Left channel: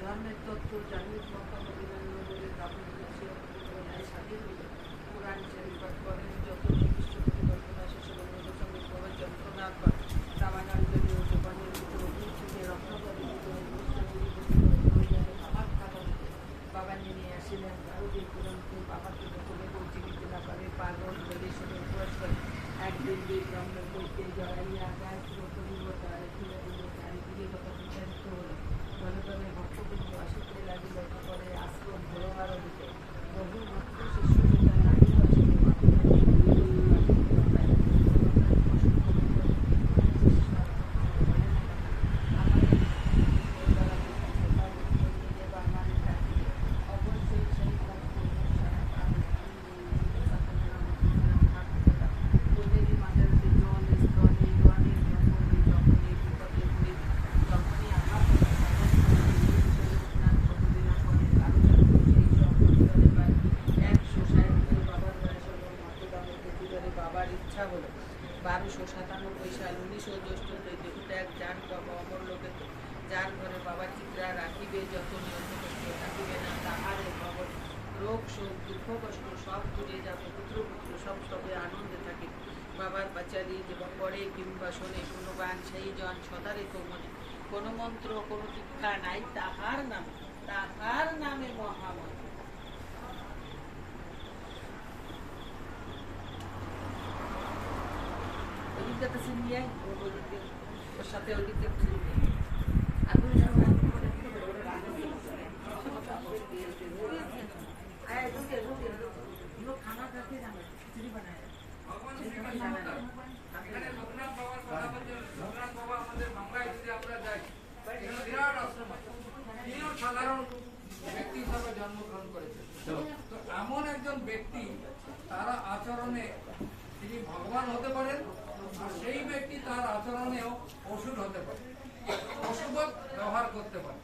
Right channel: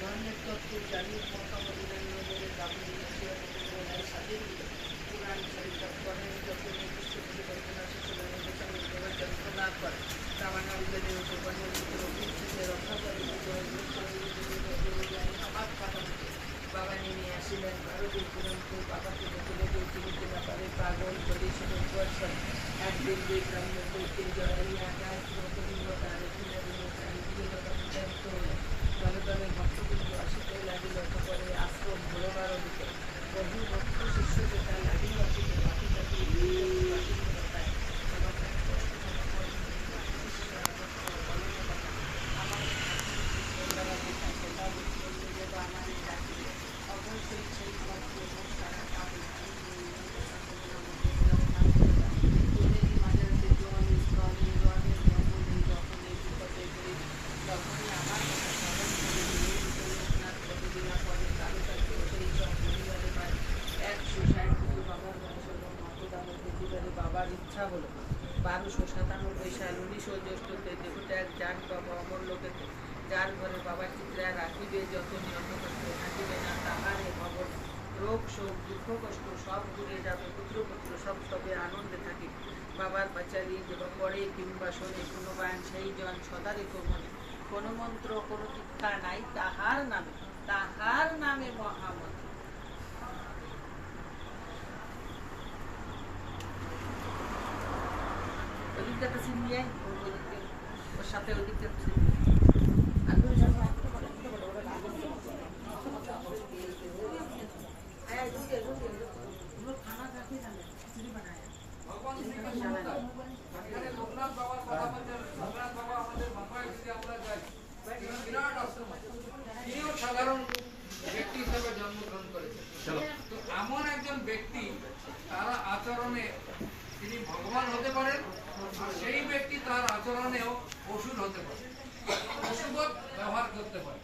ধর্মের তত্ত্ব জানি পুরাণ শরীফত করেন যত নির্দিষ্ট থেকে কল্পনা শেষ যন্ত্রণা কর কামানা উদরে উপবনের থেকে রক্ষা করে আমার বাবা নেমে আসিলেন ভারতের পুরন্তু বাবাকে বলে চিনতে না পারে পাগল বলে শুনে উপর এক দিন দুই ব্রহ্ম বলতে জড়াই আকাশ প্রতিবতার দলে দলে ভক্তবৃন্দ আসিতে লাগিল করে আশ্রম ভোরবার দিতে বহু ভক্ত শিষ্যকে তার লাগিল বাবার ইচ্ছা হলো 1297 সাল 19 জ্যৈষ্ঠতে দেহত্যাগ যান বাবা অমর লোকেতে যার ঘরে বাবা চিত্রা রাখিবে যতনি অন্য কষ্ট থাকিবে না তাহারে ভবন রোগ শোক দুঃখ কষ্ট সব দূরে যাবে পুত্র পুত্র সব সবে আনন্দে থাকে বাবার পাচারি এবং পড়ে কিংবা শোনে কোনো গান সেই জন সদা রেখো মনে কোনো মন্ত্র কোনো শিক্ষা নাই তাহার নামে মহামন্ত্র। ওদিকটা তো চিনিয়ে ওর সাথে ওদিকটা চিনিয়ে সাধারণ ব্যক্তি হিসাবে জন্মগ্রহণ করেছে। তো এমন একজন ব্যক্তি তারা আচরণে তিনি ভগবান হতে পারেন আর সেই ব্যক্তি তার আচরণেও অসুর হতে পারে, অশুভত ব্যবহার করতে পারে।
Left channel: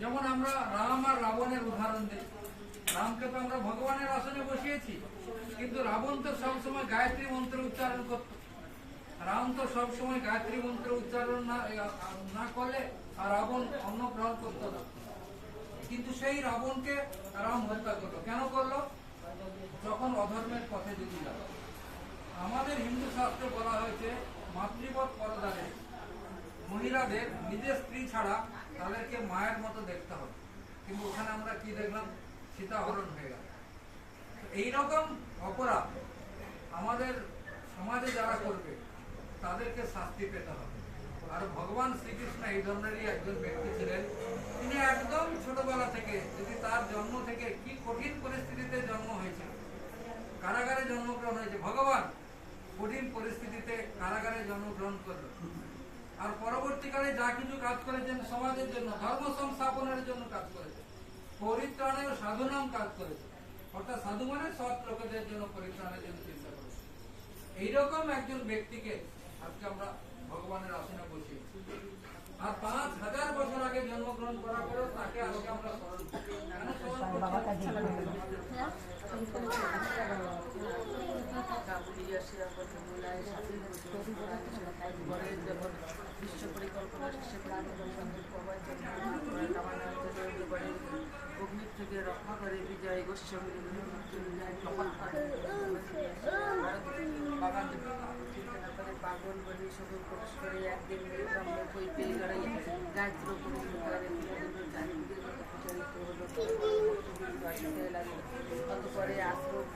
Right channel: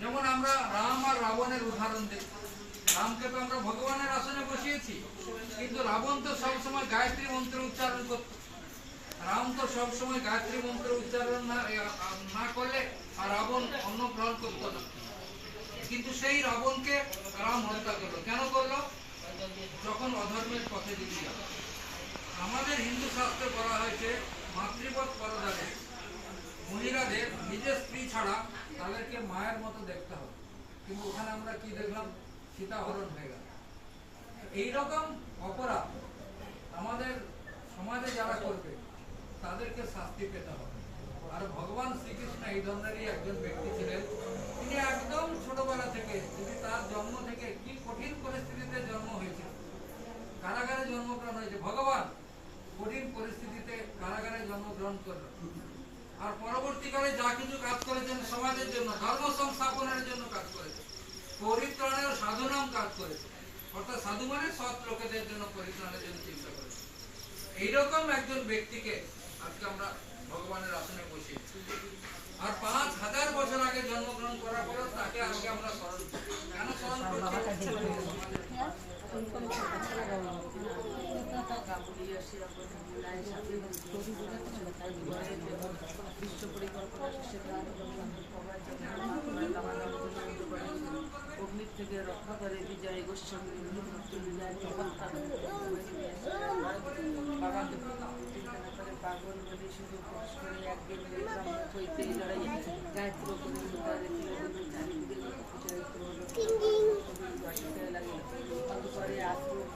যেমন আমরা রাম আর রাবণের উদাহরণ দিই। রামকে তো আমরা ভগবানের আসনে বসিয়েছি, কিন্তু রাবণ তো সবসময় গায়ত্রী মন্ত্র উচ্চারণ করত। রাম তো সবসময় গায়ত্রী মন্ত্র উচ্চারণ না করলে আর রাবণ অন্ন গ্রহণ করত না, কিন্তু সেই রাবণকে রাম হত্যা করলো। কেন করলো? যখন অধর্মের পথে যেতে গেল। আমাদের হিন্দু শাস্ত্রে বলা হয়েছে মাতৃবৎ পরদানে, মহিলাদের নিজের স্ত্রী ছাড়া তাদেরকে মায়ের মতো দেখতে হবে। কিন্তু ওখানে আমরা কি দেখলাম? সীতাহরণ হয়ে গেল। এইরকম অপরাধ আমাদের সমাজে যারা করবে তাদেরকে শাস্তি পেতে হবে। আর ভগবান শ্রীকৃষ্ণ এই ধরনেরই একজন ব্যক্তি ছিলেন। তিনি একদম ছোটবেলা থেকে, যদি তার জন্ম থেকে কি কঠিন পরিস্থিতিতে জন্ম হয়েছিল, কারাগারে জন্মগ্রহণ হয়েছে। ভগবান কঠিন পরিস্থিতিতে কারাগারে জন্মগ্রহণ করলেন, আর পরবর্তীকালে যা কিছু কাজ করেছেন সমাজের জন্য, ধর্ম সংস্থাপনের জন্য কাজ করেছেন, পরিত্রাণের সাধুনাম কাজ করেছে। অর্থাৎ সাধু মানে সৎ লোকেদের জন্য পরিত্রাণের জন্য চিন্তা করেছে। এইরকম একজন ব্যক্তিকে আজকে আমরা ভগবানের আসনে বসি। আর 5000 বছর আগে জন্মগ্রহণ করার পরেও তাকে আজকে আমরা স্মরণ করি। কেন স্মরণ করছি? বিশ্ব পরিকল্পনা শেষে অগ্নি থেকে রক্ষা করে বিজয় গোষ্ঠী চমৎকার বাবা চিন্তা না করে পাগল বলে শুধু প্রকাশ করে একদিন ব্রহ্ম কইতেই লড়াইয়ে গায়ত্র করে চারিদিকে আসতে লাগে। অতপরে আশ্রম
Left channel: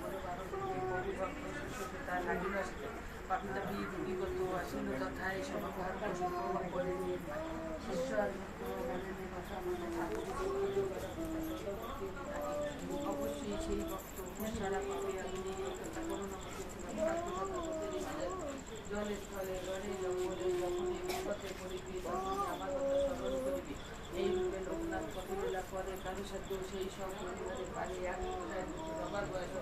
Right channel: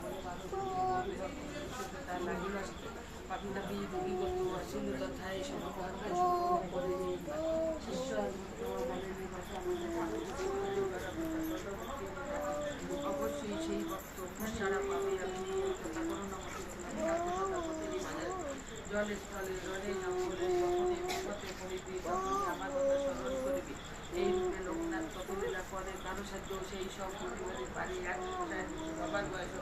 তার লাগিল আসতে পাপিতা বিগত আসিল তথায় সমাহার করে শিষ্য মনের নিবাসা আমাদের অবশ্যই সেই ভক্ত সারা পাবে। আমি নেই কথা কোনো জলে স্থলে রণে জঙ্গলে যখনই বিপদে পড়িবি তখনই আমার কথা স্মরণ করিবি। এই রূপে লোকনাথ কতবেলা পরে কারো সাধ্য সেই সব পরিবারে পারে এক বাবার বয়স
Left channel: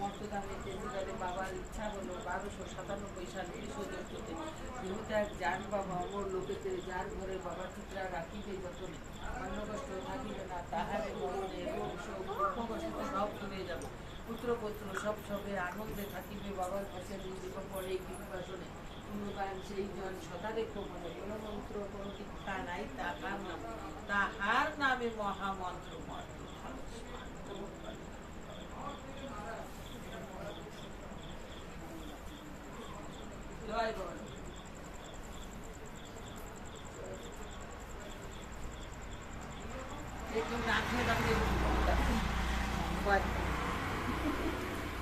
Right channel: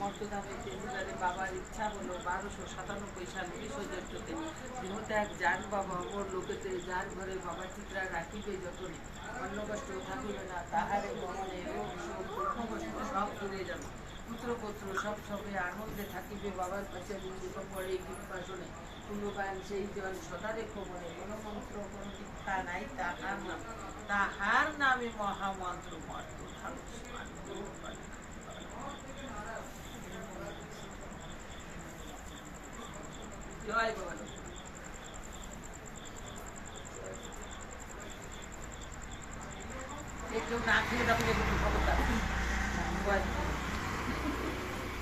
মর্তধামে তেজুরারে বাবার ইচ্ছা হলো 1297 সাল 19 জ্যৈষ্ঠতে দেহত্যাগ যান বাবা অমর লোকেতে যার ঘরে বাবা চিত্রা রাখিবে যতনে অন্য কষ্ট থাকিবে না তাহারে মরণে রোগ শোক দুঃখ কষ্ট সব চলে যাবে পুত্র পুত্র সব সবে আনন্দে থাকিবে বাবার কাছে জীবন পড়ে কিংবা শোনে কোনো গান সেই জন সদা রেখো মনে কোনো মন্ত্র কোনো দীক্ষা নাই তাহার নাম তাহার নামে মহামন্ত্র মন্ত্র ভালো স্নান করুন। জয় বাবা। একটু না খেয়ে তখন খবরদার